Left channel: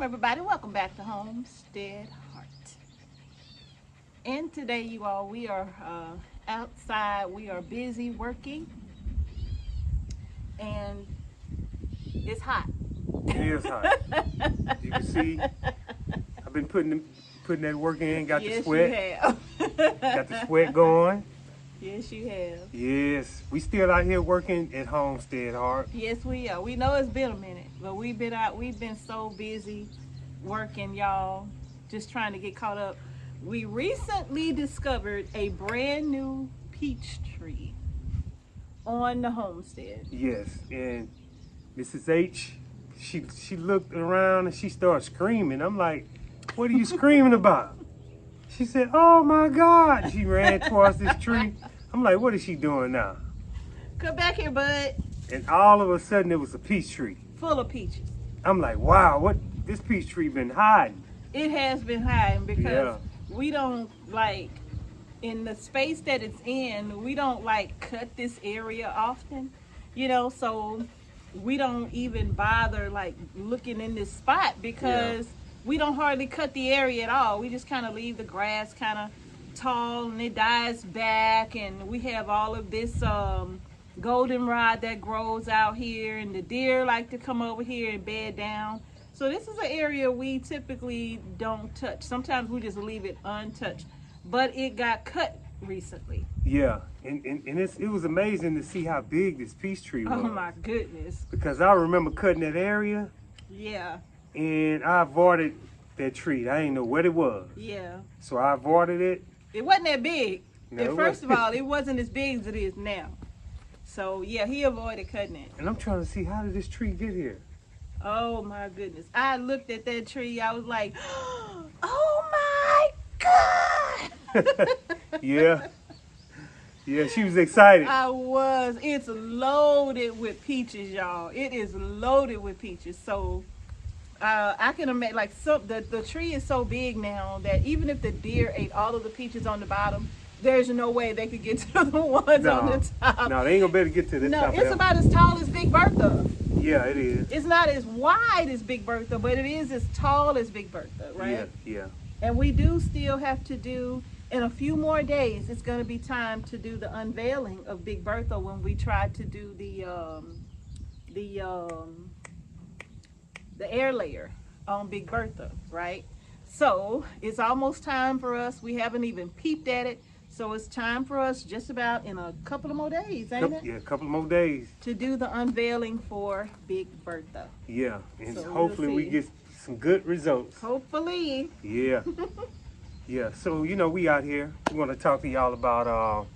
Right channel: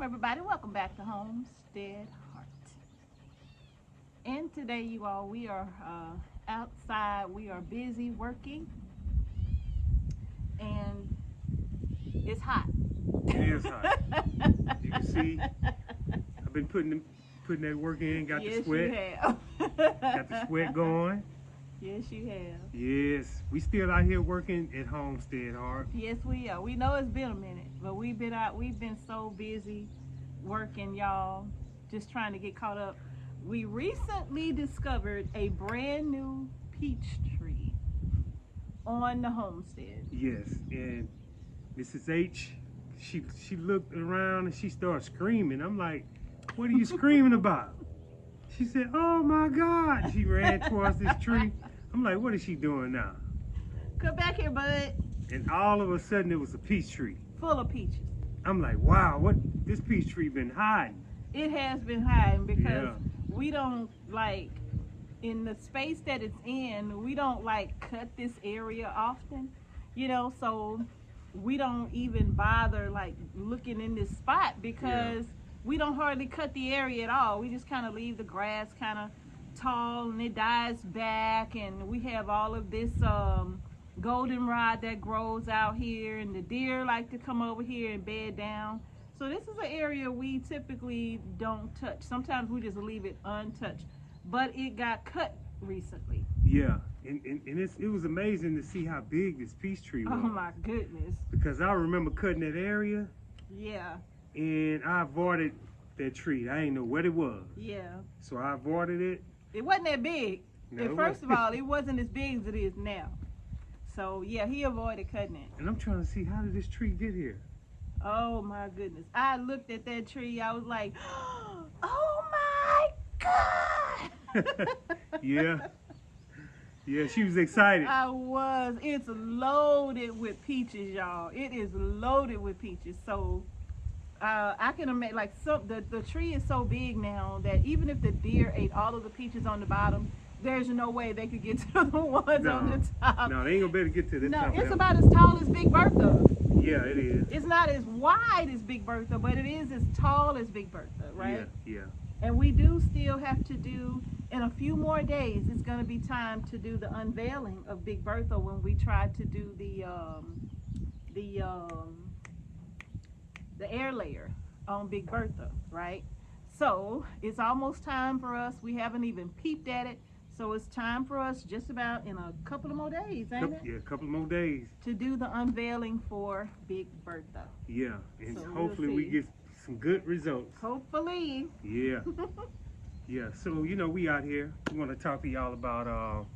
Shalom, everybody. Welcome back to Homestead Heart. And today, you all, we are outside. We are busy working, and it's hot. It is hot. You can see, I've been putting that work in. Got Yes, the sweat. you have. Got the sweat going. Yes, you have. Yes, we still out here working at Homestead Heart. Yes, we are. We know it's been a minute, but we've been out. We've been so busy working, y'all, just trying to get caught up. We recently discovered a brand new peach tree on the homestead. Yes, and Mrs. H, she looked around and she started screaming. I'm like, what are you screaming about? She said, oh my God. She ran towards this tree. I'm like, what is she doing now? Come back here, bud. And all of a sudden it was a peach tree. Full of peaches. I'm like, wow, what this peach tree been hiding? It has been hiding because we don't like, in the space that it's in, we don't like cut this area often, you know, so we don't even bother like looking in this spot because we don't hardly cut the area at all. We just kind of leave the grass kind of tall and it dies back, and we have all of this goldenrod that grows out here, and the deer like to come over here and bed down. So this is an area we typically don't touch. Sometimes we just leave it untouched, but it got cut recently. Yeah, and it was amazing to see how big this peach tree was. Oh my goodness. Because I remember cutting that area. Yeah. And I avoided that tree. I didn't know what it was. Yeah. So I avoided it. It wasn't that big. No, and first of all, it wasn't as big as it is now. So yeah, he avoided cutting it. And I'm trying to see, how did this tree get here? Oh my goodness. I looked at that tree. I was like, oh my God. Yeah. Yeah, she was excited. I was. It's loaded with peaches, y'all. It is loaded with peaches. So I can imagine, like, the tree is so big now that even if the deer ate all of the peaches on the bottom, there's no way they could get to the ones on the top. No, they ain't gonna be able to get to this top. No, it's about as tall as Big Bertha. Yeah, it is. It's not as wide as Big Bertha, but it is as tall as Big Bertha, right? Yeah. And we do still have to do, in a few more days, it's going to be time to do the unveiling of Big Bertha when we try to do the air layer on Big Bertha, right? So it's almost time for us. We haven't even peeped at it. So it's time for us, just about in a couple of more days, ain't it? Yeah, a couple more days. To do the unveiling for Big Bertha. Yeah, and So hopefully we'll we see. get some good results. Hopefully. Yeah. Yeah, so, you know, we out here. We want to talk to y'all about,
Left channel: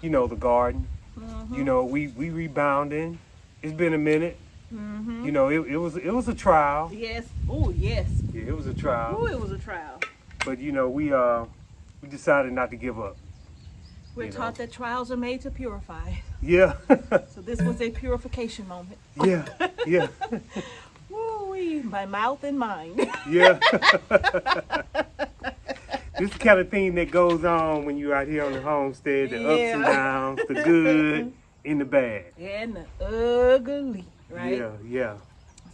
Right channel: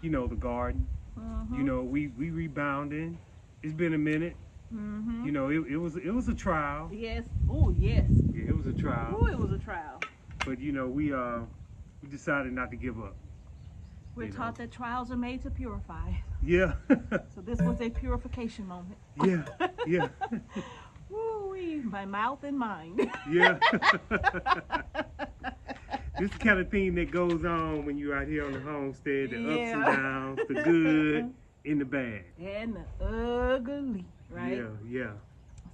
you know, the garden. Mm-hmm. You know, we rebounding. It's been a minute. Mm-hmm. You know, it was a trial. Yes. Oh, yes. Yeah, it was a trial. Oh, it was a trial. But, you know, we decided not to give up. We're You taught know. that trials are made to purify. Yeah. So this was a purification moment. Yeah. Yeah. Woo-wee, my mouth and mind. Yeah. This is the kind of thing that goes on when you're out here on the homestead, the ups and downs, the good and the bad. And the ugly, right? Yeah, yeah.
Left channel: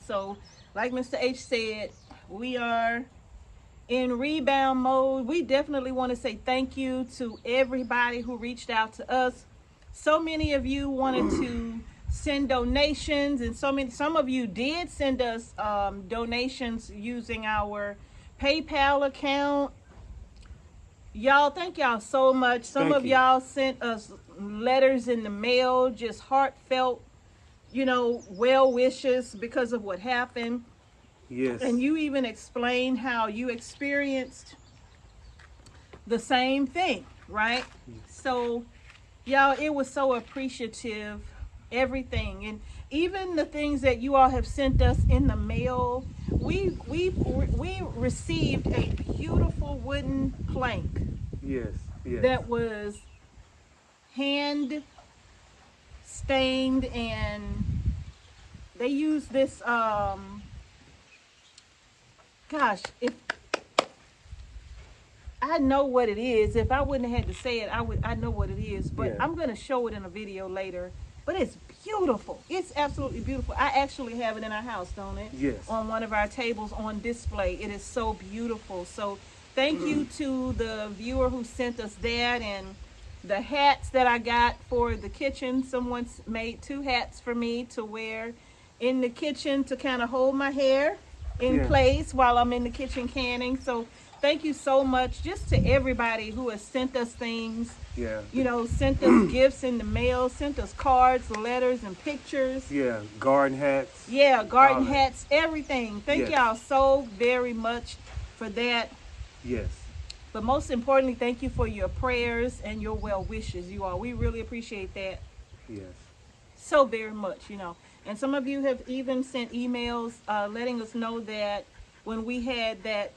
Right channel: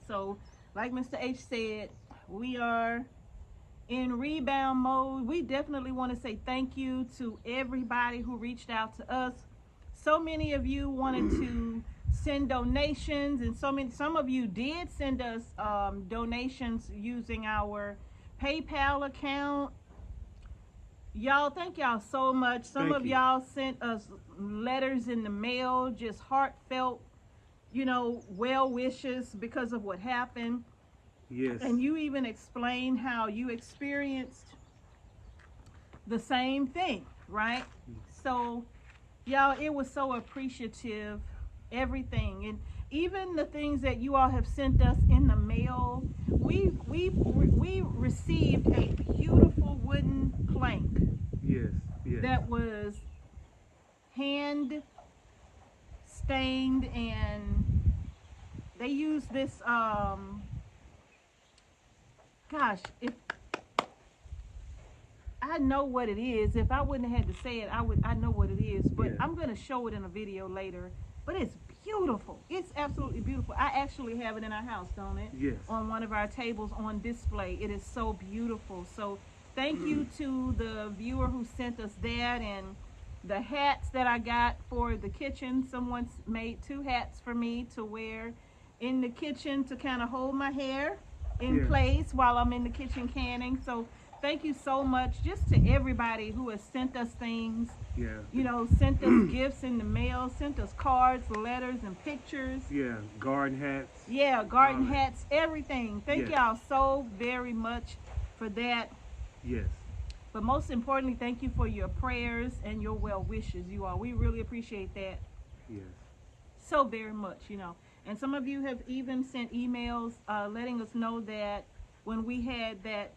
So, like Mr. H said, we are in rebound mode. We definitely want to say thank you to everybody who reached out to us. So many of you wanted to send donations, and some of you did send us donations using our PayPal account. Y'all, thank y'all so much. Some of y'all sent us letters in the mail, just heartfelt, you know, well wishes because of what happened. Yes. And you even explained how you experienced the same thing, right? So, y'all, it was so appreciative, everything. And even the things that you all have sent us in the mail, we received a beautiful wooden plank. Yes, yes. That was hand stained, and they used this gosh, if I know what it is, if I wouldn't have had to say it, I know what it is, but Yeah. I'm going to show it in a video later. but it's beautiful. It's absolutely beautiful. I actually have it in our house, don't it? Yes. On one of our tables on display. It is so beautiful. So thank you to the viewer who sent us that, and the hats that I got for the kitchen. Someone's made 2 hats for me to wear in the kitchen to kind of hold my hair in place while I'm in the kitchen canning. So thank you so much just to everybody who has sent us things. Yeah. You know, sent us gifts in the mail, sent us cards, letters, and pictures. Yeah, garden hats. Yeah, garden hats, everything. Thank Yes. y'all so very much for that. Yes. But most importantly, thank you for your prayers and your well wishes, you all. We really appreciate that Yes. so very much, you know. And some of you have even sent emails letting us know that when we had that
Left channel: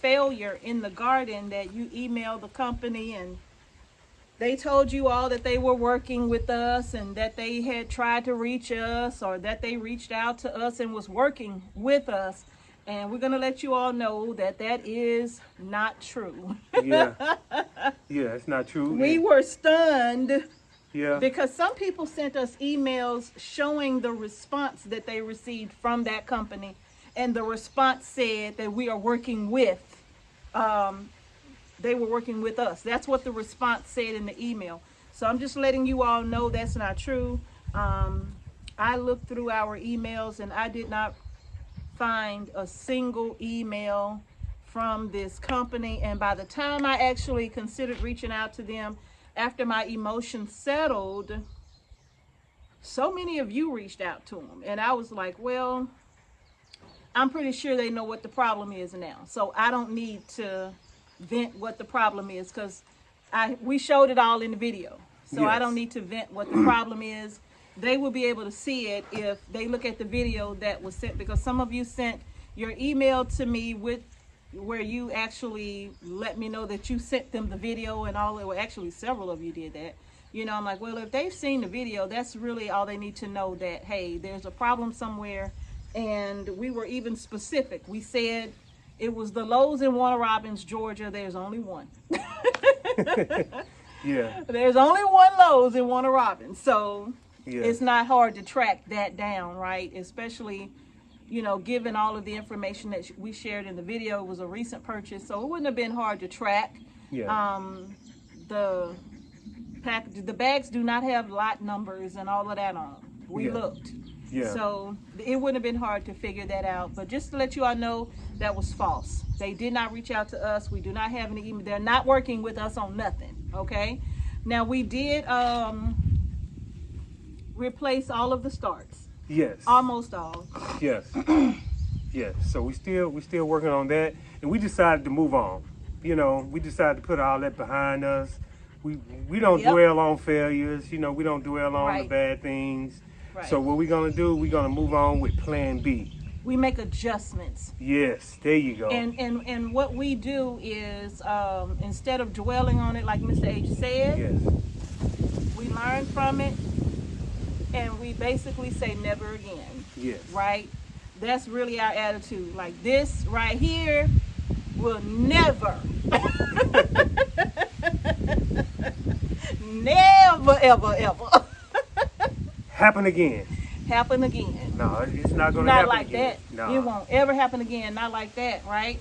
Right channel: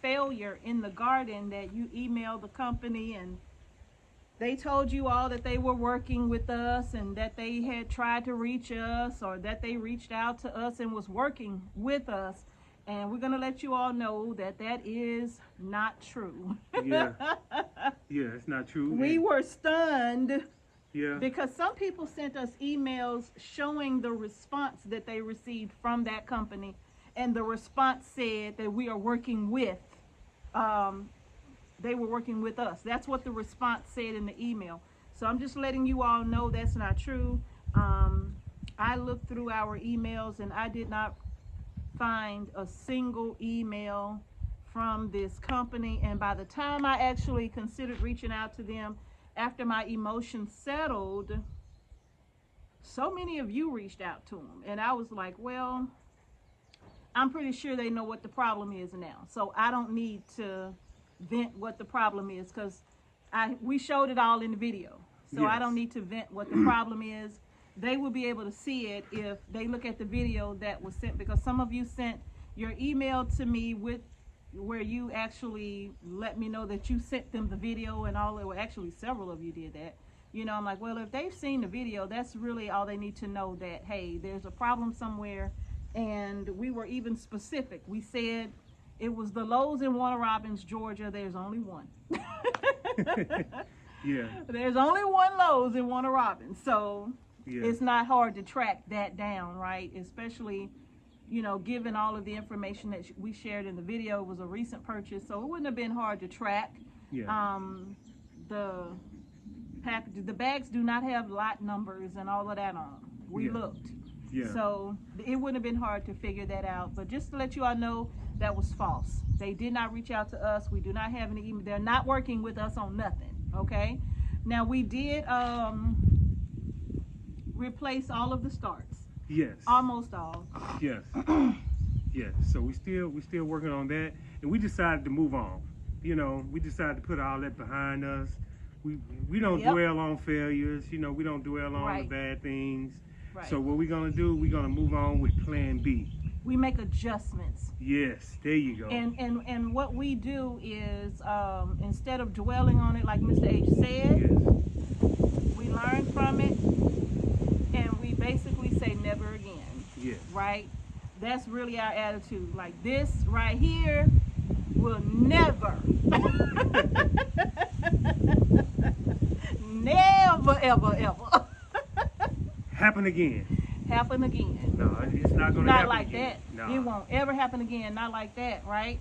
failure in the garden, that you emailed the company and they told you all that they were working with us and that they had tried to reach us, or that they reached out to us and was working with us. And we're going to let you all know that that is not true. Yeah. Yeah, it's not true. We were stunned Yeah. because some people sent us emails showing the response that they received from that company. And the response said that we are working with they were working with us. That's what the response said in the email. So I'm just letting you all know that's not true. I looked through our emails and I did not find a single email from this company. And by the time I actually considered reaching out to them after my emotions settled, so many of you reached out to them. And I was like, well, I'm pretty sure they know what the problem is now. So I don't need to vent what the problem is, because we showed it all in the video. So I don't need to vent what the problem is. They will be able to see it if they look at the video that was sent, because some of you sent your email to me with where you actually let me know that you sent them the video and all. Well, actually several of you did that. You know, I'm like, well, if they've seen the video, that's really all they need to know, that hey, there's a problem somewhere. And we were even specific. We said it was the Lowe's in Warner Robins, Georgia. There's only one. Yeah. There's only one Lowe's in Warner Robins. So it's not hard to track that down, right? Especially, you know, given all of the information that we shared in the video. It was a recent purchase, so it wouldn't have been hard to track. Yeah. The bags do not have lot numbers and all of that on them. We looked. Yeah. So it wouldn't have been hard to figure that out. But just to let you all know, that was false. They did not reach out to us. We do not have any email. They're not working with us on nothing. Okay. Now we did replace all of the starts. Yes. Almost all. Yes. Yes. So we still working on that, and we decided to move on. You know, we decided to put all that behind us. We don't dwell on failures. You know, we don't dwell on the bad things. Right. So what we're gonna do, we're gonna move on with Plan B. We make adjustments. Yes, there you go. And what we do is instead of dwelling on it, like Mr. H said, we learn from it, and we basically say never again. Yes. Right? That's really our attitude. Like, this right here will never, never, ever, ever happen again. Happen again. No, it's not gonna not happen like again. that. No. It won't ever happen again. Not like that, right?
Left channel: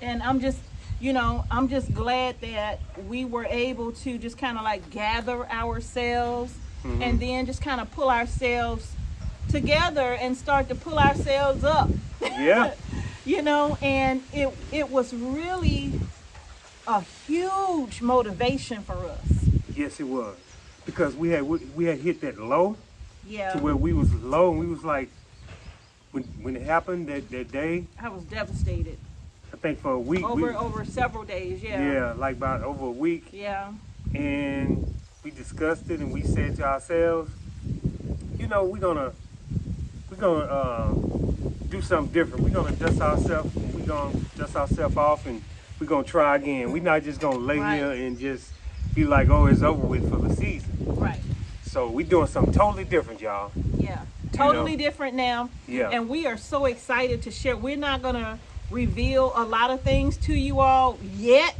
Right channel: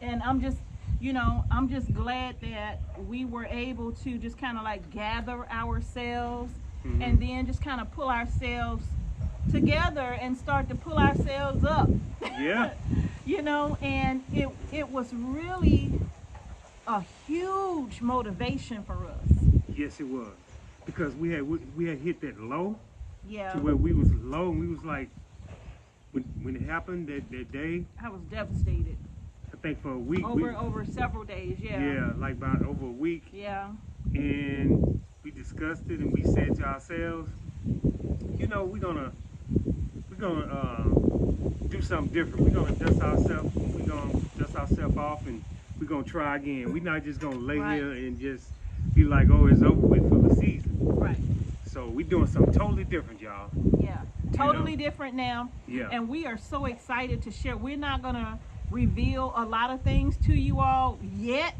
And I'm just, you know, I'm just glad that we were able to just kind of like gather ourselves and then just kind of pull ourselves together and start to pull ourselves up. Yeah. You know, and it was really a huge motivation for us. Yes, it was, because we had hit that low. Yeah. To where we was low, and we was like, when it happened that day, I was devastated. I think for a week. Over several days, Yeah, like about over a week. Yeah. And we discussed it, and we said to ourselves, you know, we're gonna do something different. We're gonna dust ourselves. We're gonna dust ourselves off, and we're gonna try again. We're not just gonna lay here and just be like, oh, it's over with for the season. Right. So we're doing something totally different, y'all. Yeah. Totally different now. Yeah. And we are so excited to share. We're not gonna reveal a lot of things to you all yet,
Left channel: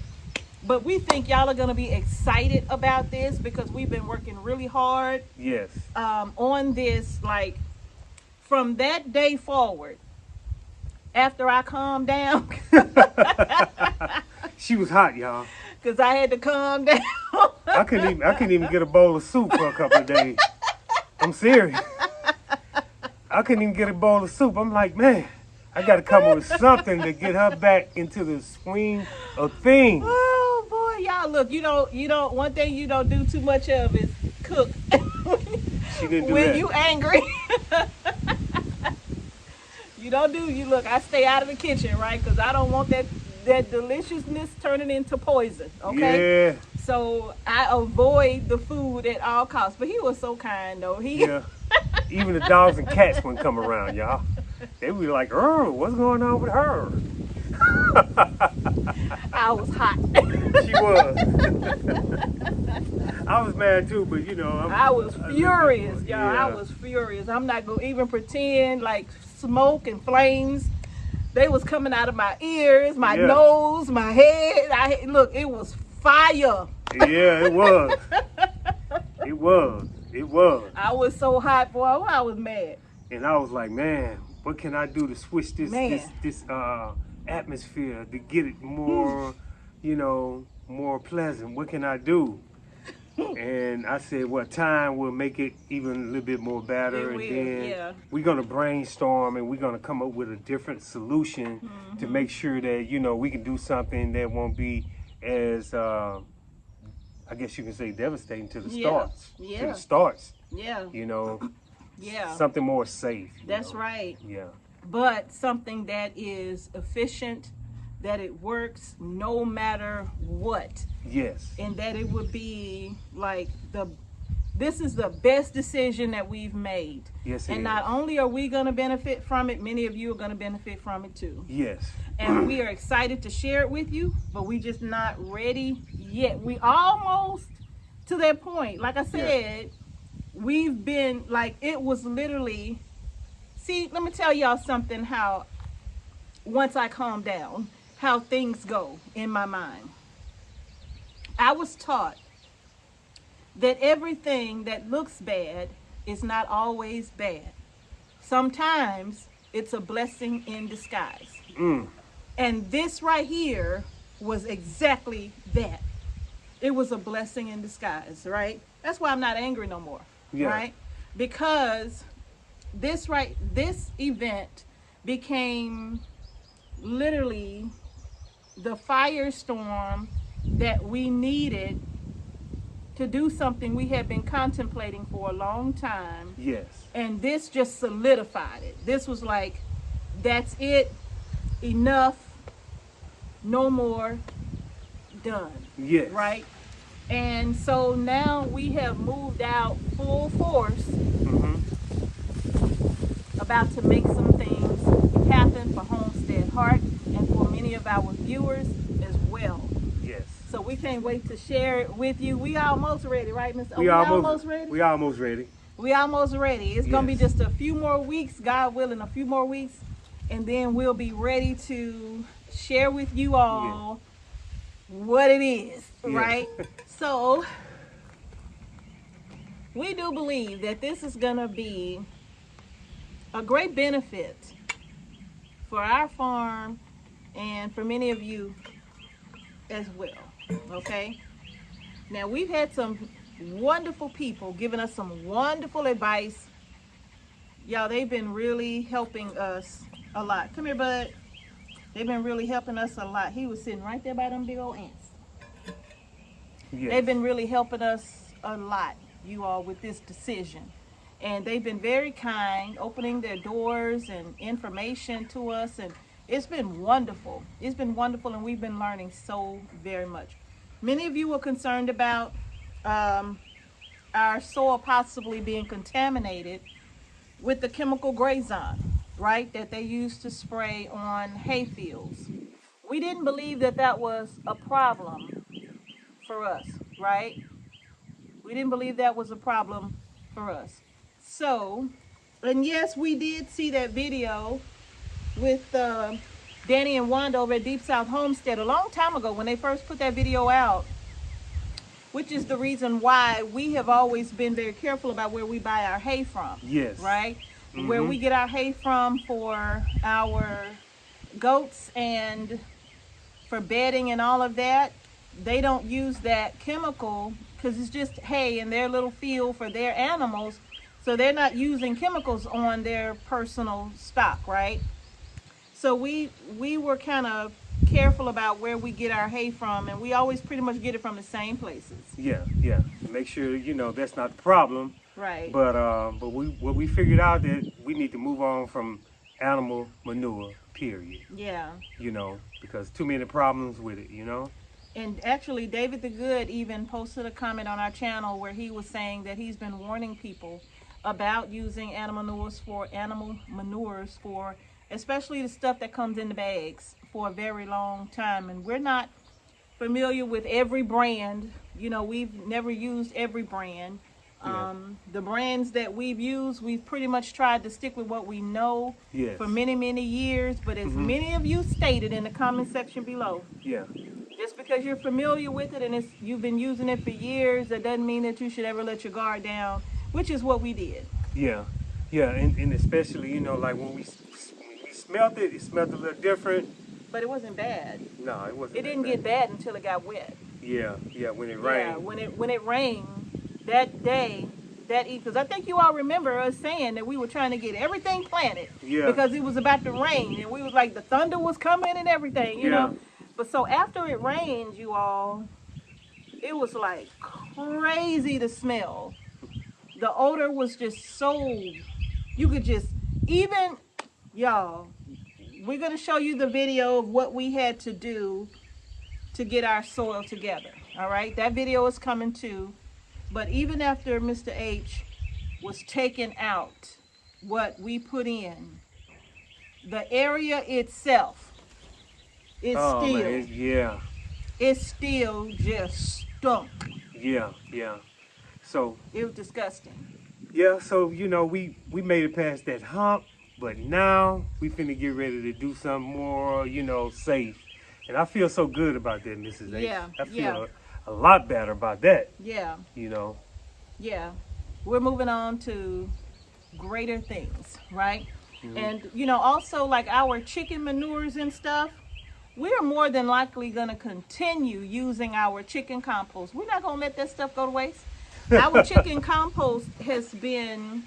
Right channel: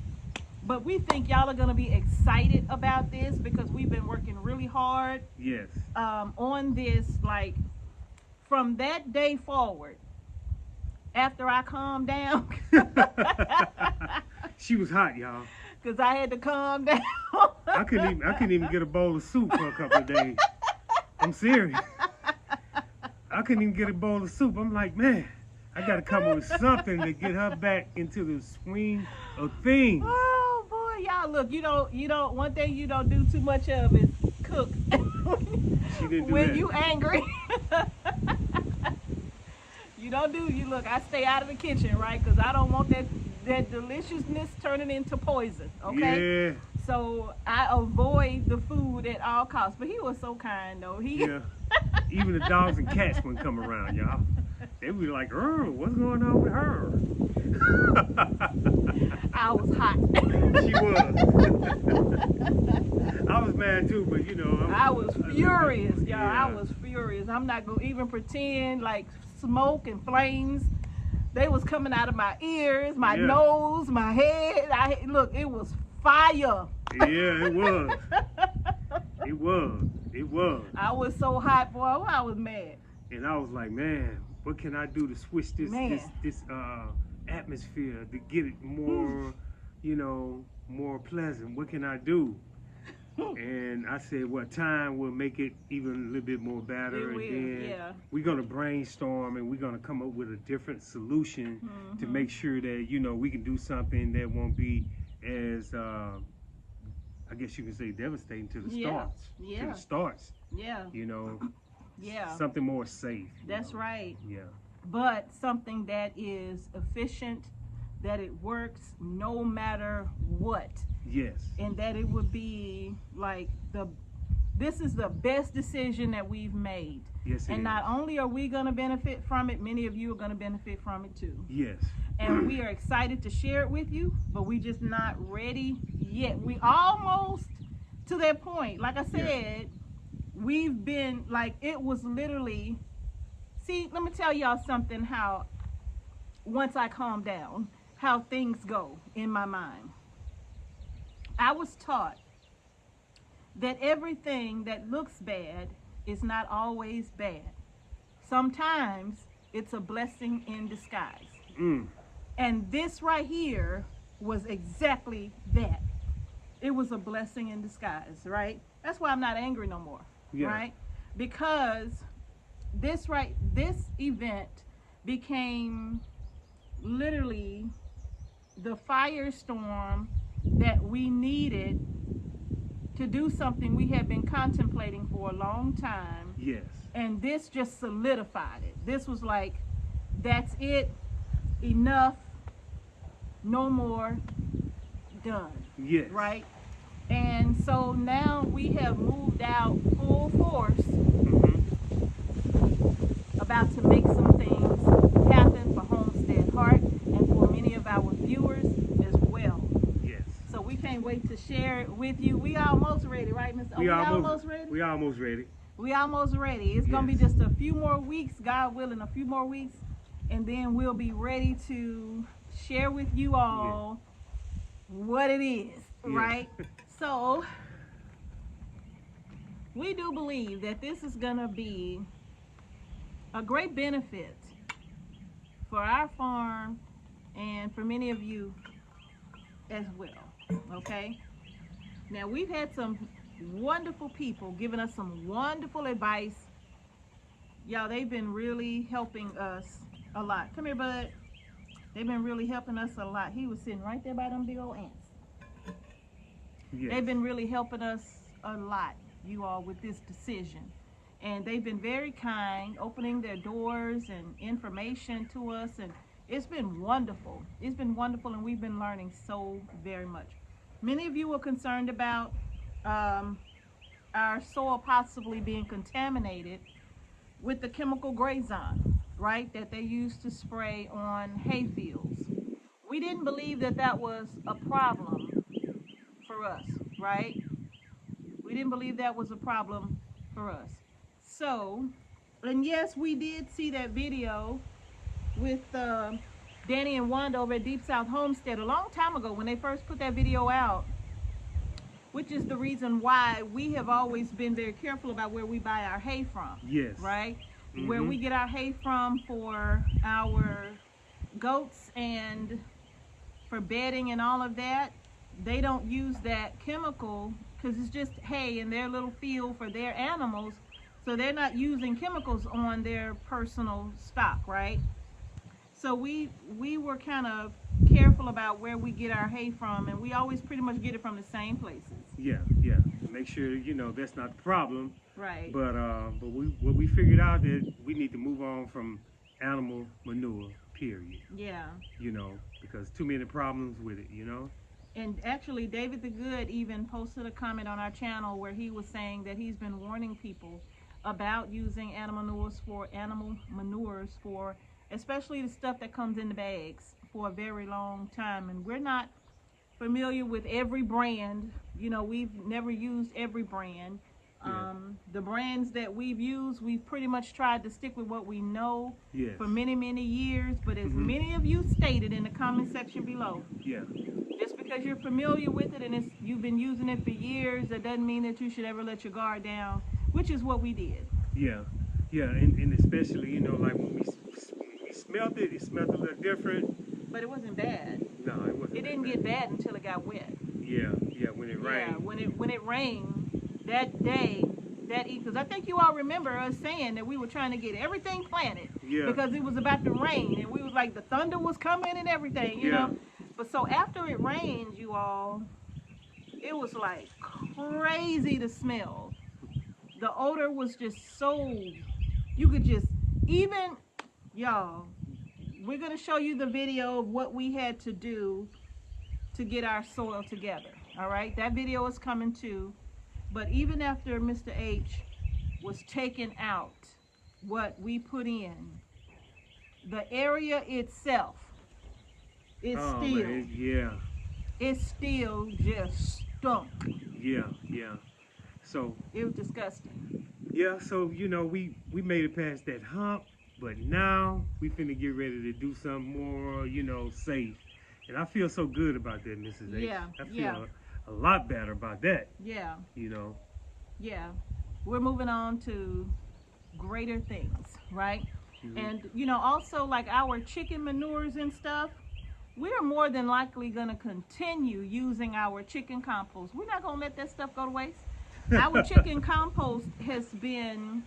But we think y'all are going to be excited about this because we've been working really hard Yes. on this. Like from that day forward, after I calmed down, She was hot, y'all. because I had to calm down. I couldn't even get a bowl of soup for a couple of days. I'm serious. I couldn't even get a bowl of soup. I'm like, man, I got to come up with something to get her back into the swing of things. Oh boy, y'all look, you don't one thing you don't do too much of is cook. She didn't do When that. you angry. You look, I stay out of the kitchen, right? Because I don't want that deliciousness turning into poison, okay? Yeah. So I avoid the food at all costs. But he was so kind, though. Yeah. Even the dogs and cats wouldn't come around, y'all. They would be like, oh, what's going on with her? I was hot. She was. I was mad too, but you know. I was furious, y'all. Yeah. I was furious. I'm not going to even pretend like smoke and flames. They was coming out of my ears, my nose, my head. Look, it was fire. Yeah, it was. It was. It was. I was so hot, boy. I was mad. And I was like, man, what can I do to switch this atmosphere to get it more, you know, more pleasant? What can I do? And I said, well, time will make it even a little bit more better. It will, and then yeah. we're going to brainstorm and we're going to come up with a different solution to make sure that, you know, we can do something that won't be as, I guess you can say, devastating to the starts. Yeah. To the starts. Yeah. You know, Yeah. something more safe. That's right. Yeah. But something that is efficient, that it works no matter what. Yes. And that it would be like this is the best decision that we've made. Yes, and not only are we going to benefit from it, many of you are going to benefit from it too. Yes. And we are excited to share it with you, but we just not ready yet. We almost to that point. Like I said, we've been like, it was literally, see, let me tell y'all something, how once I calm down, how things go in my mind. I was taught that everything that looks bad is not always bad. Sometimes it's a blessing in disguise. And this right here was exactly that. It was a blessing in disguise, right? That's why I'm not angry no more, right? Because this event became literally the firestorm that we needed to do something we had been contemplating for a long time. Yes. And this just solidified it. This was like, that's it, enough, no more, done. Yes. Right? And so now we have moved out full force, about to make some things happen for Homestead Heart and for many of our viewers as well. Yes. So we can't wait to share it with you. We almost ready, right, Miss? We almost ready? We almost ready. We almost ready. It's gonna be just a few more weeks, God willing, a few more weeks, and then we'll be ready to share with you all what it is, right? So we do believe that this is gonna be a great benefit for our farm and for many of you as well. Okay, now we've had some wonderful people giving us some wonderful advice. Y'all, they've been really helping us a lot. Come here, bud. They've been really helping us a lot. He was sitting right there by them big old ants. They've been really helping us a lot, you all, with this decision. And they've been very kind, opening their doors and information to us, and it's been wonderful. It's been wonderful, and we've been learning so very much. Many of you were concerned about our soil possibly being contaminated with the chemical Grazon, right, that they used to spray on hay fields. We didn't believe that that was a problem for us, right? We didn't believe that was a problem for us. So, and yes, we did see that video with Danny and Wanda over at Deep South Homestead a long time ago when they first put that video out, which is the reason why we have always been very careful about where we buy our hay from. Yes. Right? Where we get our hay from for our goats and for bedding and all of that, they don't use that chemical because it's just hay in their little field for their animals. So they're not using chemicals on their personal stock, right? So we were kind of careful about where we get our hay from, and we always pretty much get it from the same places. Yeah. Make sure, you know, that's not the problem. Right. But we figured out that we need to move on from animal manure, period. Yeah. You know, because too many problems with it, you know. And actually, David the Good even posted a comment on our channel where he was saying that he's been warning people about using animal manures for especially the stuff that comes in the bags for a very long time. And we're not familiar with every brand. You know, we've never used every brand. The brands that we've used, we've pretty much tried to stick with what we know for many, many years. But as many of you stated in the comment section below, just because you're familiar with it and you've been using it for years, that doesn't mean that you should ever let your guard down, which is what we did. And especially, you know, like when we smelt it, it smelled a little different. But it wasn't bad. No, it wasn't. It didn't get bad until it got wet. Yeah, when it rained. Yeah, when it rained that day, because I think you all remember us saying that we were trying to get everything planted because it was about to rain, and we was like, the thunder was coming and everything, you know. But so after it rained, you all, it was like crazy to smell. The odor was just so, you could just, even, y'all, we're going to show you the video of what we had to do to get our soil together. All right, that video is coming too. But even after Mr. H was taking out what we put in, the area itself is it's still just stunk. Yeah. So it was disgusting. Yeah, so you know, we made it past that hump, but now we finna get ready to do something more, you know, safe. And I feel so good about that, Mrs. H. I feel a lot better about that. Yeah. You know. Yeah. We're moving on to greater things, right? And you know, also like our chicken manures and stuff, we're more than likely gonna continue using our chicken compost. We're not gonna let that stuff go to waste. Our chicken compost has been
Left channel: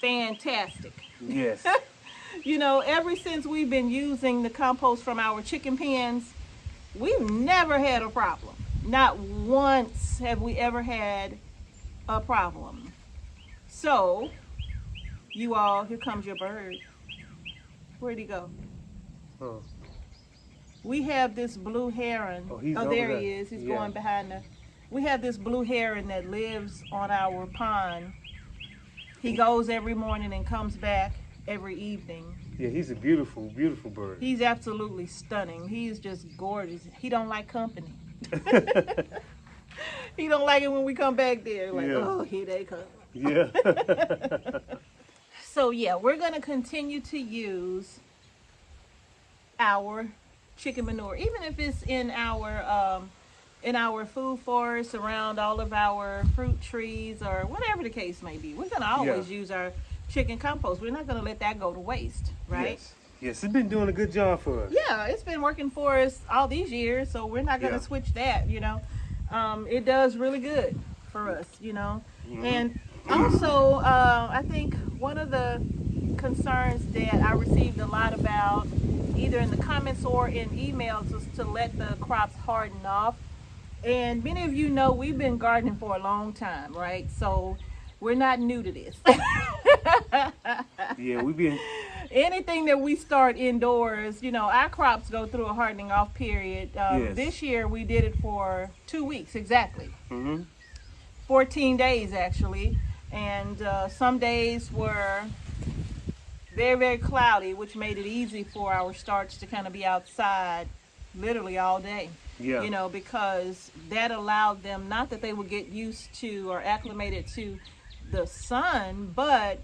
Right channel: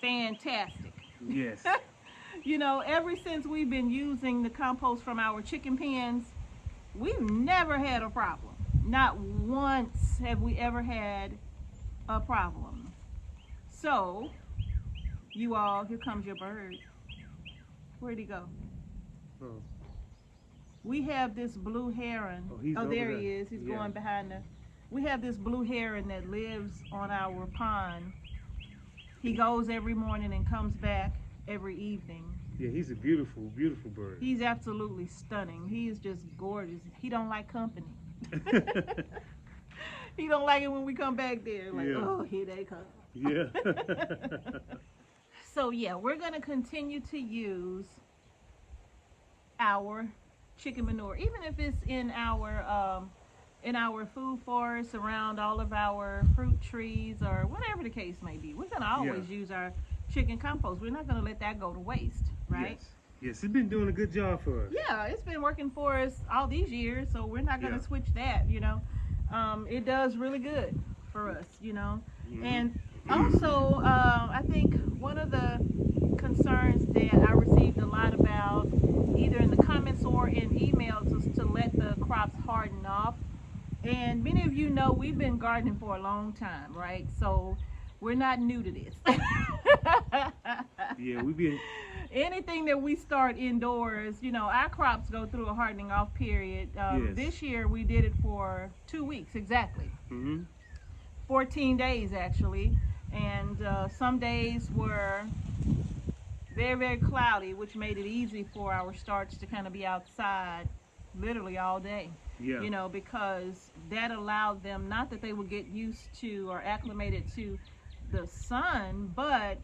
fantastic. Yes. You know, ever since we've been using the compost from our chicken pens, we've never had a problem. Not once have we ever had a problem. So, you all, here comes your bird. Where'd he go? Oh. We have this blue heron. Oh, there he is. He's going behind the... We have this blue heron that lives on our pond. He goes every morning and comes back every evening. Yeah, he's a beautiful, beautiful bird. He's absolutely stunning. He's just gorgeous. He don't like company. He don't like it when we come back there. Like, oh, here they come. Yeah. So, yeah, we're going to continue to use our chicken manure, even if it's in our food forest, around all of our fruit trees, or whatever the case may be. We're going to always use our chicken compost. We're not going to let that go to waste, right? Yes, it's been doing a good job for us. Yeah, it's been working for us all these years, so we're not going to switch that, you know. It does really good for us, you know. And also, I think one of the concerns that I received a lot about, either in the comments or in emails, was to let the crops harden off. And many of you know we've been gardening for a long time, right? So we're not new to this. Yeah, we've been... Anything that we start indoors, you know, our crops go through a hardening off period. This year we did it for 2 weeks exactly. 14 days actually. And some days were very, very cloudy, which made it easy for our starts to kind of be outside literally all day. Yeah. You know, because that allowed them, not that they would get used to or acclimated to the sun, but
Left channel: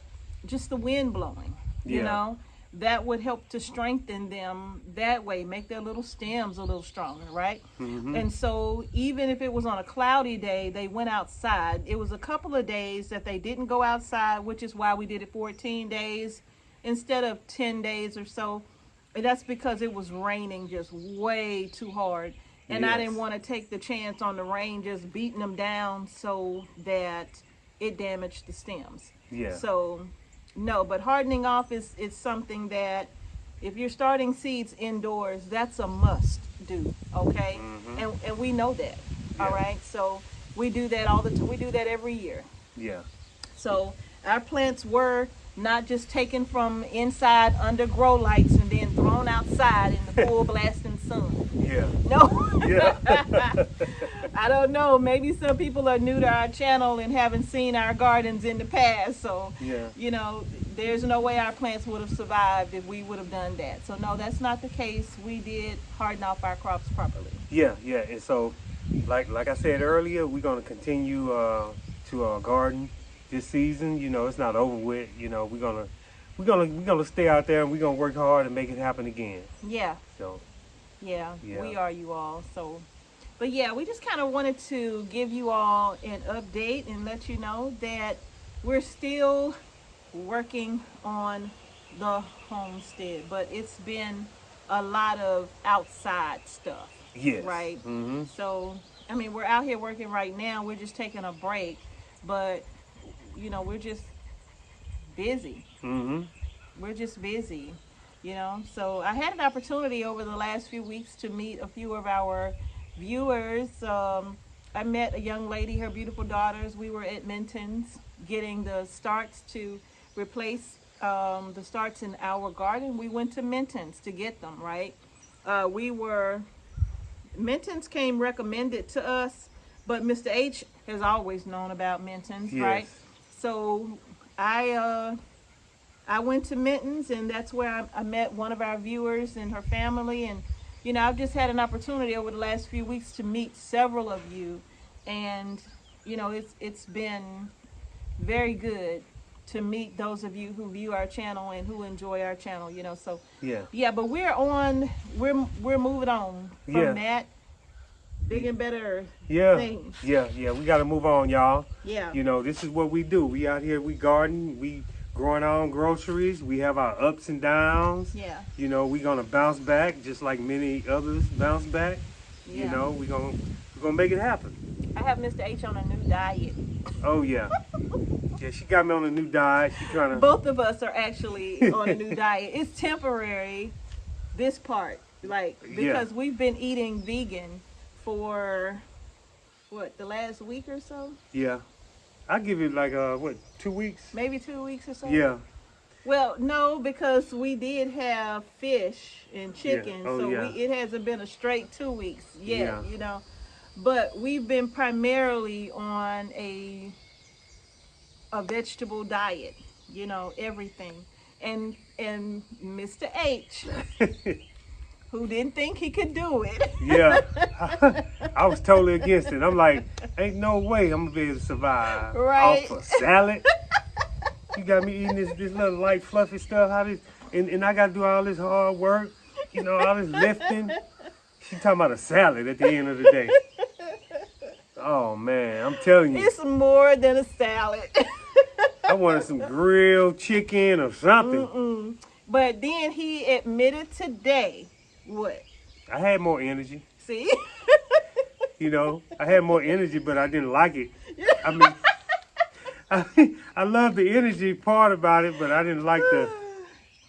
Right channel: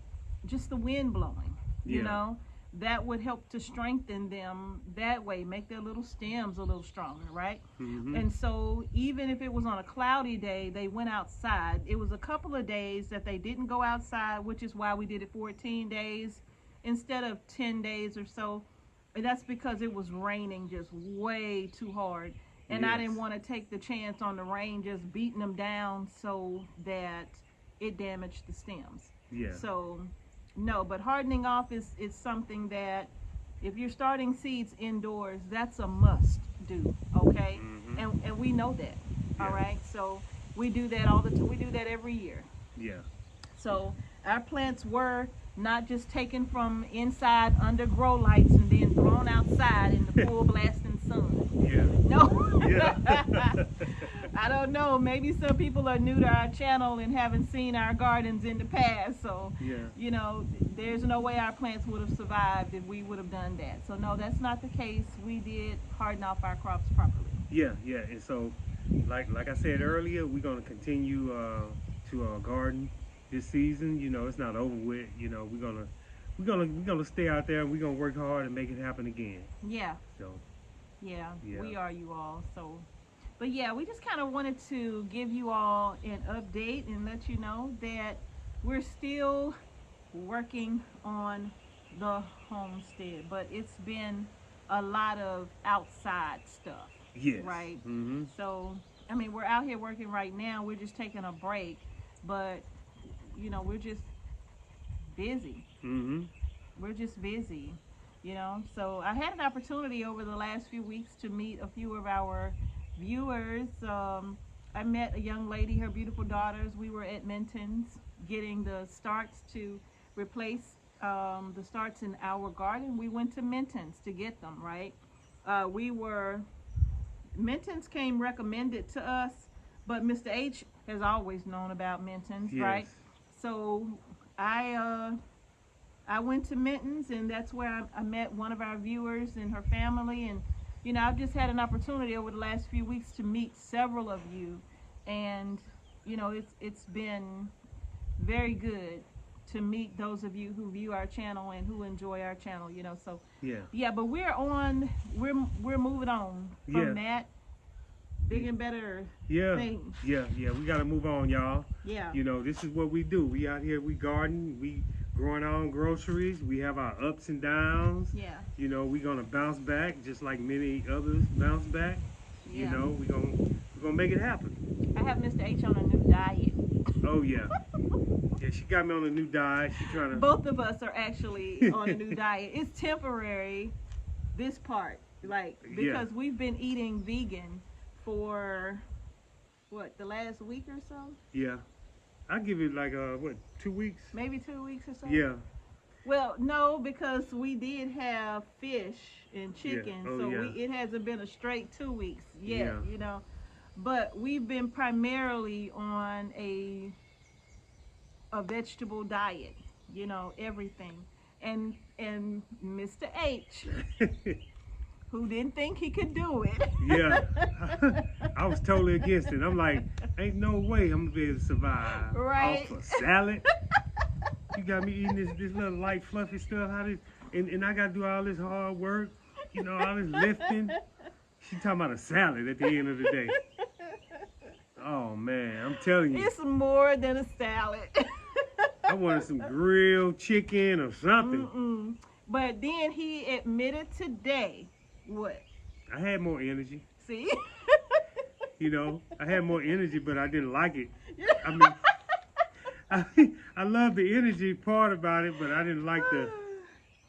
just the wind blowing. You know, that would help to strengthen them that way, make their little stems a little stronger, right? And so even if it was on a cloudy day, they went outside. It was a couple of days that they didn't go outside, which is why we did it 14 days instead of 10 days or so. And that's because it was raining just way too hard. And I didn't want to take the chance on the rain just beating them down so that it damaged the stems. So no, but hardening off is something that if you're starting seeds indoors, that's a must do, okay? And we know that, all right? So we do that all the time. We do that every year. So our plants were not just taken from inside under grow lights and then thrown outside in the full blasting sun. No. I don't know. Maybe some people are new to our channel and haven't seen our gardens in the past. So, you know, there's no way our plants would have survived if we would have done that. So, no, that's not the case. We did harden off our crops properly. And so, like I said earlier, we're going to continue to garden this season. You know, it's not over with. You know, we're gonna stay out there and we're gonna work hard and make it happen again. So. Yeah, we are, you all. So, but yeah, we just kind of wanted to give you all an update and let you know that we're still working on the homestead, but it's been a lot of outside stuff. Right? So, I mean, we're out here working right now. We're just taking a break, but, you know, we're just busy. We're just busy. You know, so I had an opportunity over the last few weeks to meet a few of our viewers. I met a young lady, her beautiful daughters. We were at Minton's getting the starts to replace the starts in our garden. We went to Minton's to get them, right? Minton's came recommended to us, but Mr. H has always known about Minton's, right? So I went to Minton's, and that's where I met one of our viewers and her family. And, you know, I've just had an opportunity over the last few weeks to meet several of you. And, you know, it's been very good to meet those of you who view our channel and who enjoy our channel, you know. So, but we're moving on from that big and better thing. We got to move on, y'all. You know, this is what we do. We out here, we garden, we growing our own groceries. We have our ups and downs. You know, we're gonna bounce back just like many others bounce back. You know, we're gonna make it happen. I have Mr. H on a new diet. Oh yeah. She got me on a new diet. She's trying to. Both of us are actually on a new diet. It's temporary, this part, like, because we've been eating vegan for what, the last week or so? I'll give it like 2 weeks? Maybe 2 weeks or so? Well, no, because we did have fish and chicken, it hasn't been a straight 2 weeks yet, you know. But we've been primarily on a vegetable diet, you know, everything. And Mr. H, who didn't think he could do it. I was totally against it. I'm like, ain't no way I'm gonna be able to survive off a salad. You got me eating this little light fluffy stuff. And I gotta do all this hard work, you know, all this lifting. She talking about a salad at the end of the day. Oh man, I'm telling you. It's more than a salad. I wanted some grilled chicken or something. But then he admitted today, what? I had more energy. See? You know, I had more energy, but I didn't like it. I mean, I love the energy part about it, but I didn't like the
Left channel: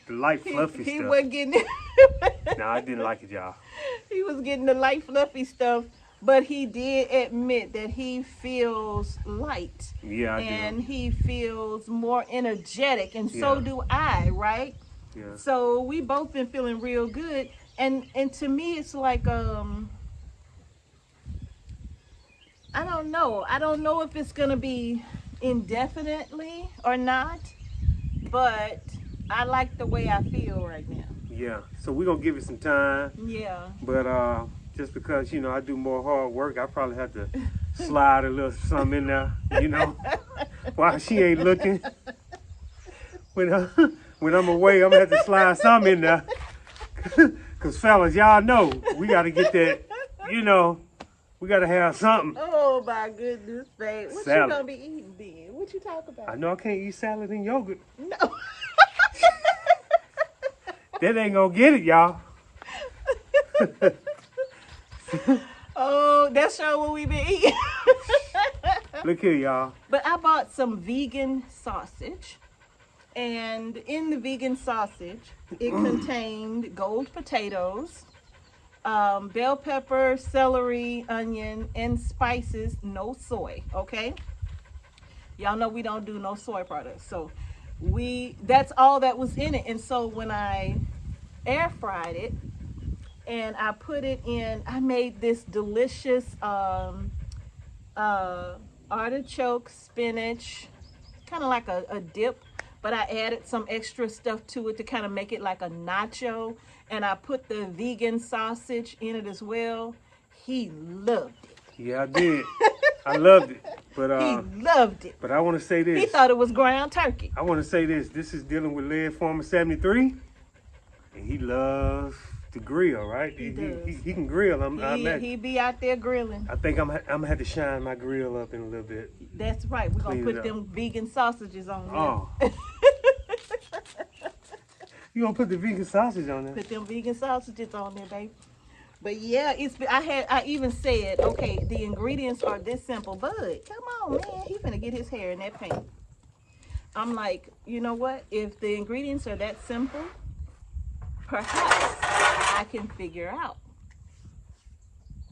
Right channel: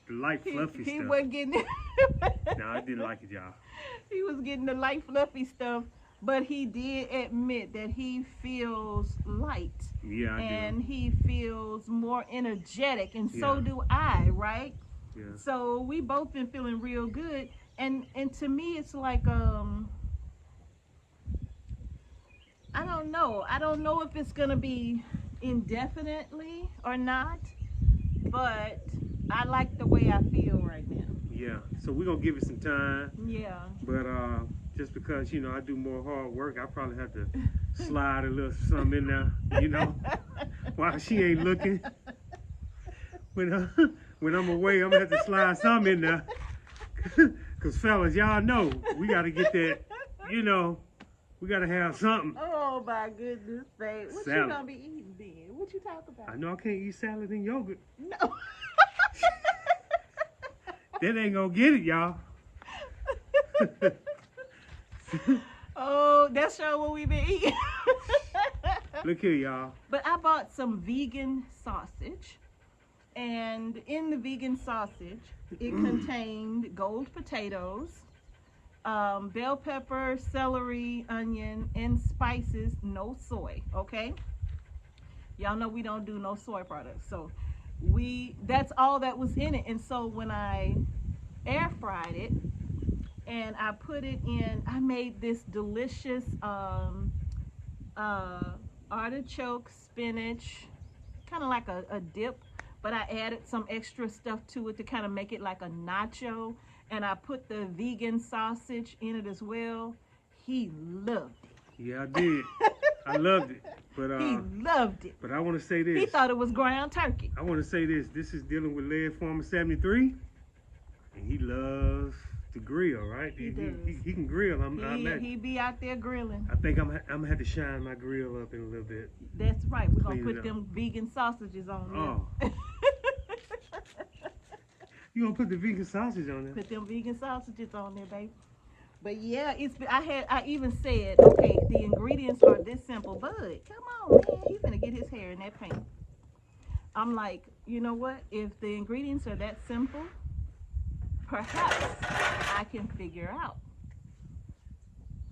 light fluffy stuff. He wasn't getting it. No, I didn't like it, y'all. He was getting the light fluffy stuff, but he did admit that he feels light. And he feels more energetic, and so do I, right? So we both been feeling real good. And to me, it's like, I don't know. I don't know if it's going to be indefinitely or not, but I like the way I feel right now. So we're going to give it some time. But just because, you know, I do more hard work, I probably have to slide a little something in there, you know, while she ain't looking. when I'm away, I'm gonna have to slide some in there. Cause fellas, y'all know we gotta get that. You know, we gotta have something. Oh my goodness, babe. What Salad. you gonna be eating then? What you talk about? I know I can't eat salad and yogurt. No. That ain't gonna get it, y'all. Oh, that's sure what we been eating. Look here, y'all. But I bought some vegan sausage. And in the vegan sausage, it contained gold potatoes, bell pepper, celery, onion, and spices, no soy, okay? Y'all know we don't do no soy products. So that's all that was in it. And so when I air fried it and I put it in, I made this delicious artichoke spinach, kind of like a dip, but I added some extra stuff to it to kind of make it like a nacho, and I put the vegan sausage in it as well. He loved it. Yeah, I did. I loved it. But He loved it. But I want to say this. He thought it was ground turkey. I want to say this. This is dealing with Lead Former 73, and he loves to grill, right? He does. He can grill. He be out there grilling. I think I'm gonna have to shine my grill up in a little bit. That's right. We're gonna Clean it put up. them vegan sausages on Oh. there. You gonna put the vegan sausage on there? Put them vegan sausages on there, baby. But yeah, I even said, okay, the ingredients are this simple. Bud, come on, man. He finna get his hair in that paint. I'm like, you know what? If the ingredients are that simple, perhaps I can figure out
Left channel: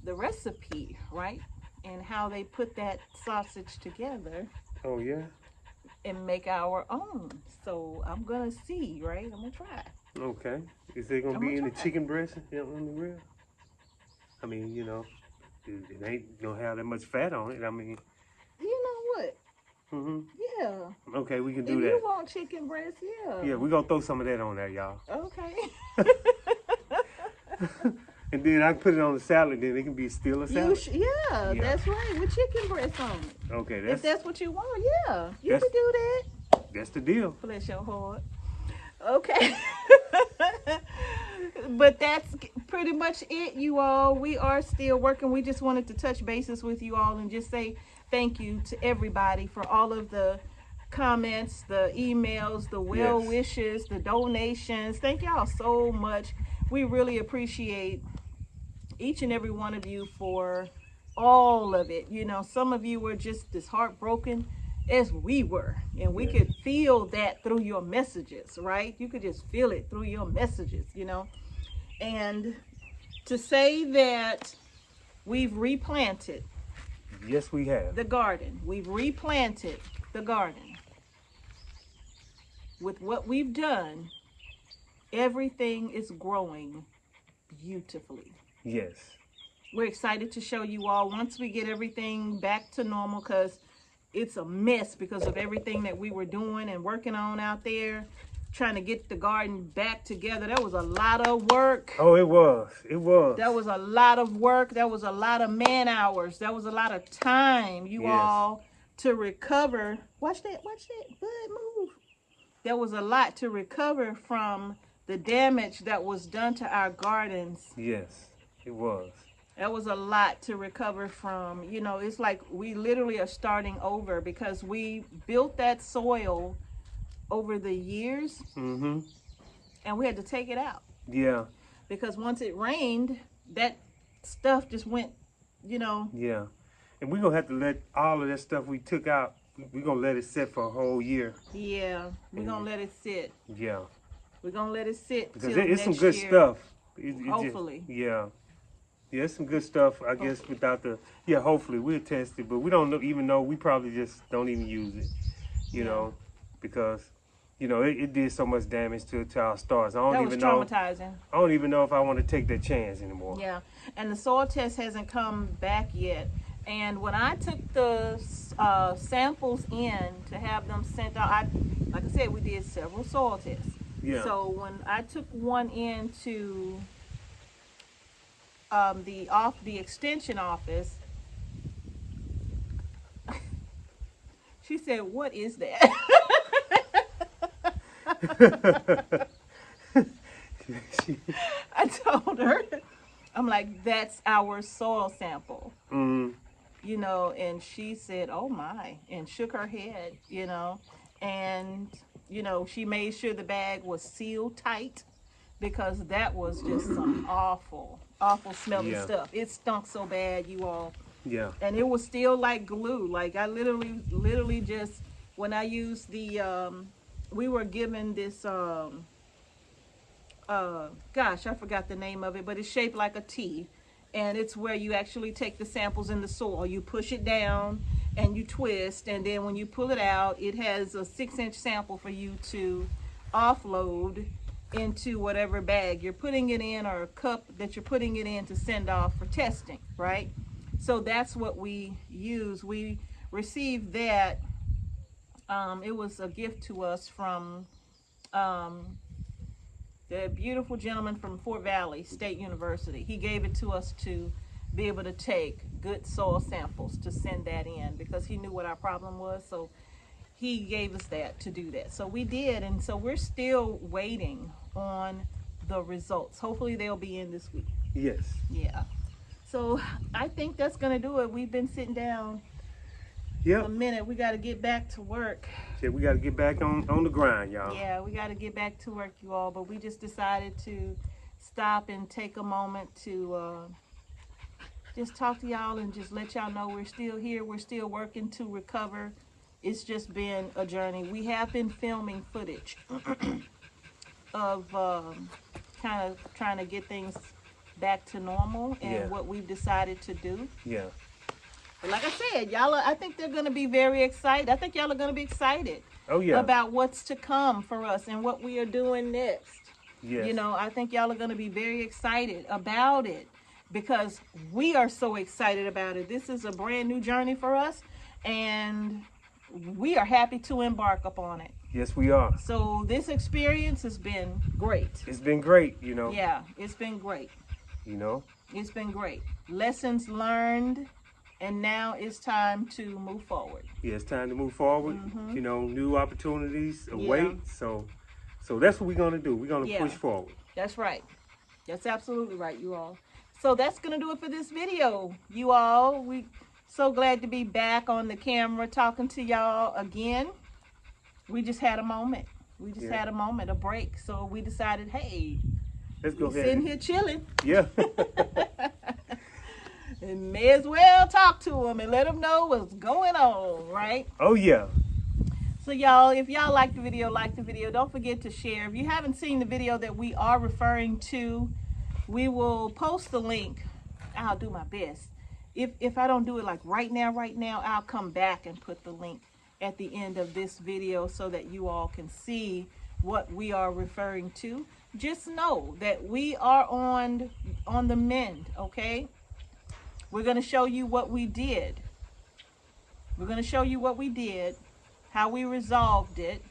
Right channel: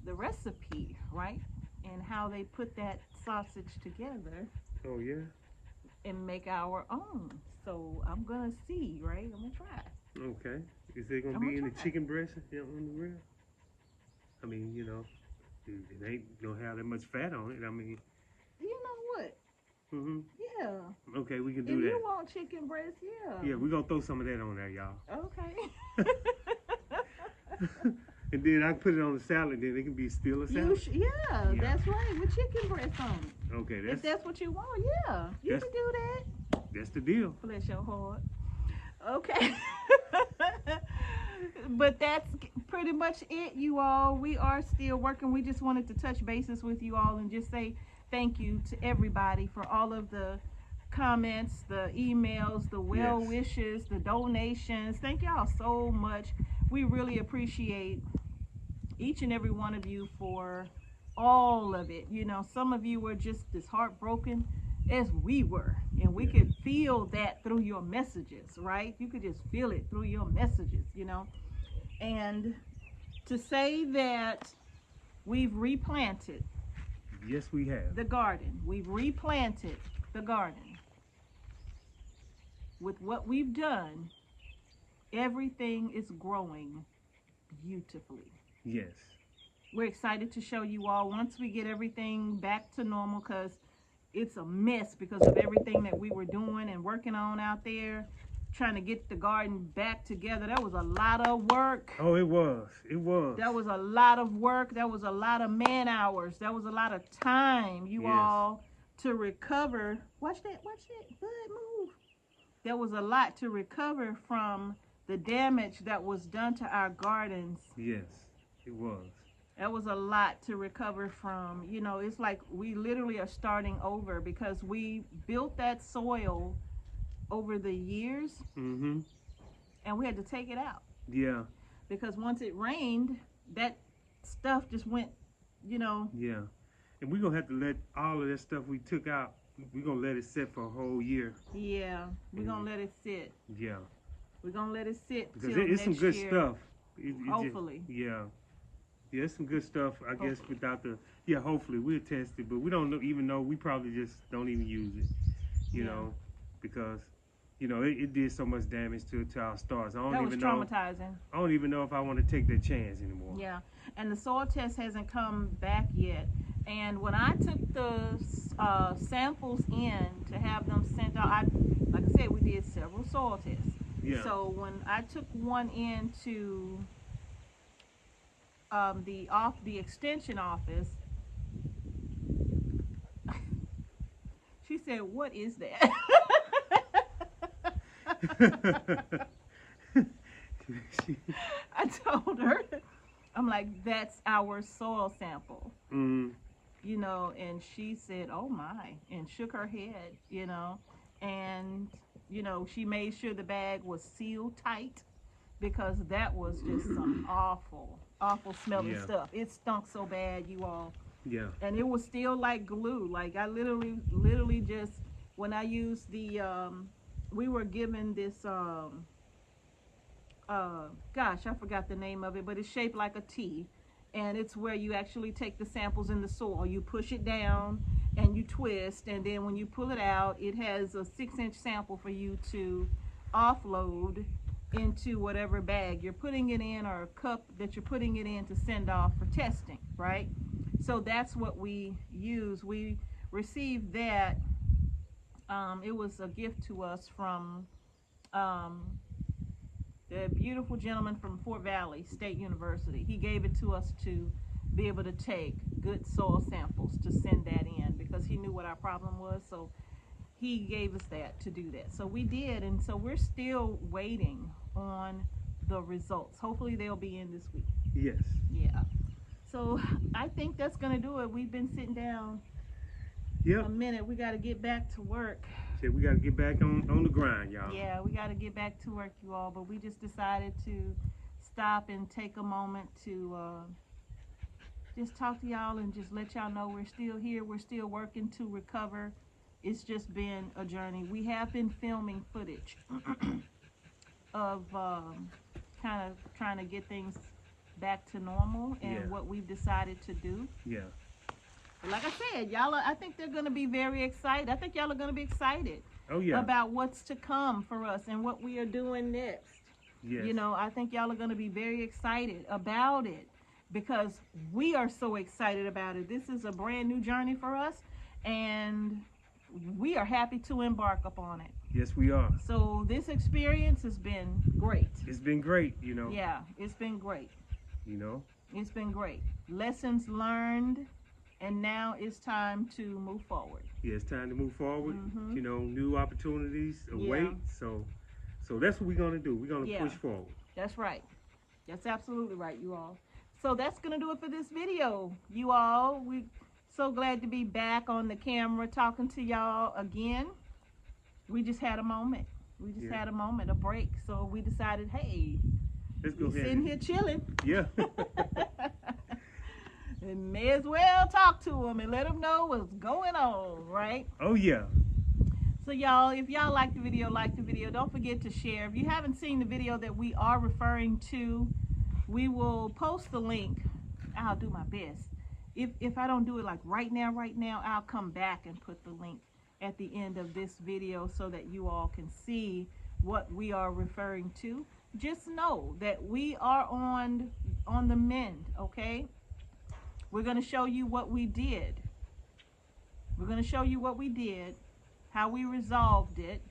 the recipe, right? And how they put that sausage together Oh yeah. and make our own. So I'm gonna see, right? I'm gonna try. Okay. Is it gonna I'm be gonna in the try. chicken breast on the grill? I mean, you know, it ain't gonna have that much fat on it. I mean. You know what? Mhm. Yeah. Okay, we can If do that. you want chicken breast, yeah. Yeah, we gonna throw some of that on there, y'all. Okay. And then I can put it on the salad. Then it can be still a salad. Yeah, that's right. With chicken breast on it. Okay, If that's what you want, yeah. You that's- can do that. That's the deal. Bless your heart. Okay. But that's pretty much it, you all. We are still working. We just wanted to touch bases with you all and just say thank you to everybody for all of the comments, the emails, the well wishes, the donations. Thank y'all so much. We really appreciate each and every one of you for all of it. You know, some of you were just as heartbroken as we were, and we could feel that through your messages, right? You could just feel it through your messages, you know. And to say that we've replanted Yes, we have. the garden, we've replanted the garden. With what we've done, everything is growing beautifully. Yes. We're excited to show you all once we get everything back to normal, because it's a mess because of everything that we were doing and working on out there, trying to get the garden back together. That was a lot of work. Oh, it was. It was. That was a lot of work. That was a lot of man hours. That was a lot of time, you all, to recover. Watch that. Bud, move. There was a lot to recover from the damage that was done to our gardens. Yes, it was. That was a lot to recover from. You know, it's like we literally are starting over because we built that soil over the years, Mm-hmm. and we had to take it out. Yeah. Because once it rained, that stuff just went, you know. Yeah. And we're going to have to let all of that stuff we took out, we're going to let it sit for a whole year. Yeah, we're going to let it sit. Yeah. We're going to let it sit Because till it's some next good year. stuff. Hopefully. Yeah. Yeah, it's some good stuff, I guess, without the, hopefully we'll test it, but we don't even know, we probably just don't even use it, you know, because, you know, it did so much damage to our stars. That was traumatizing. I don't even know if I want to take that chance anymore. Yeah, and the soil test hasn't come back yet. And when I took the samples in to have them sent out, like I said, we did several soil tests. Yeah. So when I took one into the extension office, she said, "What is that?" I told her, I'm like, that's our soil sample. Mm-hmm. You know, and she said, oh my, and shook her head, you know, and, you know, she made sure the bag was sealed tight because that was just some awful, awful smelling stuff. It stunk so bad, you all. Yeah. And it was still like glue. Like I literally just, when I used the, we were given this, gosh, I forgot the name of it, but it's shaped like a T. And it's where you actually take the samples in the soil. You push it down and you twist. And then when you pull it out, it has a 6-inch sample for you to offload into whatever bag you're putting it in or a cup that you're putting it in to send off for testing, right? So that's what we use. We received that. It was a gift to us from the beautiful gentleman from Fort Valley State University. He gave it to us to be able to take good soil samples to send that in because he knew what our problem was. So he gave us that to do that. So we did, and so we're still waiting on the results. Hopefully they'll be in this week. Yes. Yeah. So I think that's gonna do it. We've been sitting down a minute. We got to get back to work. Yeah, we got to get back on the grind, y'all. Yeah, we got to get back to work, you all. But we just decided to stop and take a moment to just talk to y'all and just let y'all know we're still here. We're still working to recover. It's just been a journey. We have been filming footage of kind of trying to get things back to normal and what we've decided to do. Yeah. But like I said, y'all, I think they're going to be very excited. I think y'all are going to be excited about what's to come for us and what we are doing next. Yes. You know, I think y'all are going to be very excited about it because we are so excited about it. This is a brand new journey for us, and we are happy to embark upon it. Yes, we are. So this experience has been great. It's been great, you know. Yeah, it's been great. You know. It's been great. Lessons learned, and now it's time to move forward. Yeah, it's time to move forward. Mm-hmm. You know, new opportunities await. So that's what we're gonna do. We're gonna push forward. That's right. That's absolutely right, you all. So that's gonna do it for this video, you all. We so glad to be back on the camera talking to y'all again. We just had a moment. We just had a moment, a break. So we decided, hey, let's go we're sitting here chilling. Yeah. And may as well talk to them and let them know what's going on, right? Oh, yeah. So, y'all, if y'all like the video, don't forget to share. If you haven't seen the video that we are referring to, we will post the link. I'll do my best. If I don't do it like right now, I'll come back and put the link at the end of this video so that you all can see what we are referring to. Just know that we are on the mend, okay? We're going to show you what we did. We're going to show you what we did, how we resolved it,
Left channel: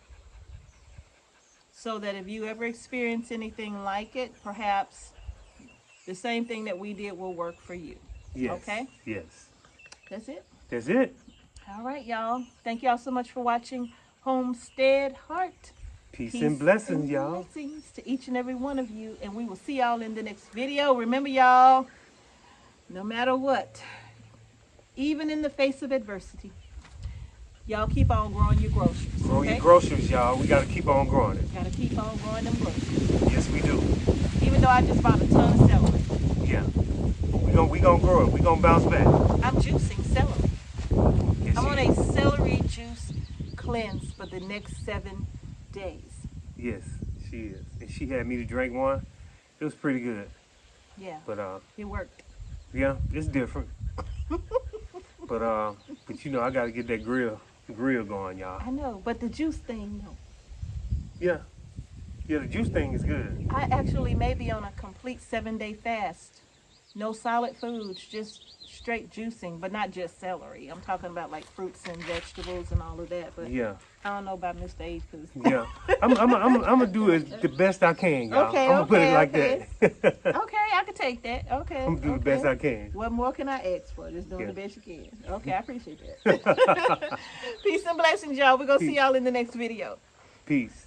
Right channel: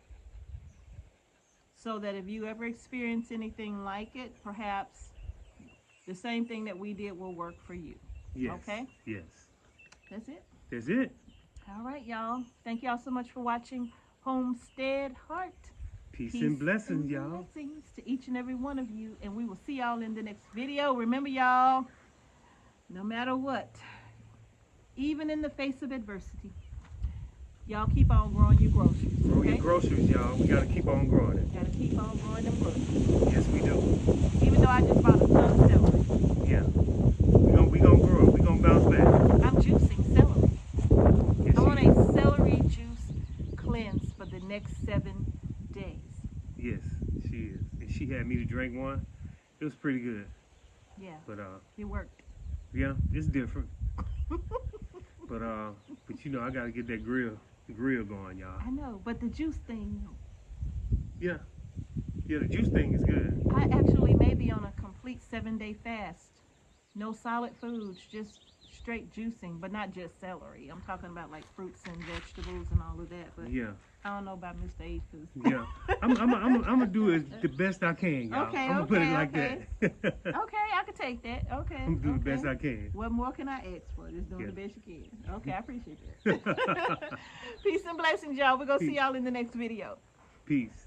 so that if you ever experience anything like it, perhaps the same thing that we did will work for you. Yes. Okay? Yes. That's it. That's it. All right, y'all. Thank y'all so much for watching Homestead Heart. Peace and blessings, y'all. Blessings to each and every one of you. And we will see y'all in the next video. Remember, y'all, no matter what, even in the face of adversity, y'all keep on growing your groceries. Growing your groceries, y'all. We got to keep on growing it. Got to keep on growing them groceries. Yes, we do. Even though I just bought a ton of celery. Yeah. We gonna grow it. We gonna bounce back. I'm juicing celery. Yes, I'm on a celery juice cleanse for the next 7 days. Yes, she is. And she had me to drink one. It was pretty good. Yeah. But it worked. yeah, it's different. but you know, I gotta get that grill going, y'all. I know, but the juice thing, no. Yeah. Yeah, the juice thing is good. I actually may be on a complete 7-day fast. No solid foods, just straight juicing, but not just celery. I'm talking about like fruits and vegetables and all of that. But yeah, I don't know about Mr. H. Yeah, I'm gonna do it the best I can, y'all. Okay, I'm gonna put it like that. Okay, I can take that. Okay, I'm gonna do the best I can. What more can I ask for? Just doing the best you can. Okay, I appreciate that. Peace and blessings, y'all. We're gonna see y'all in the next video. Peace.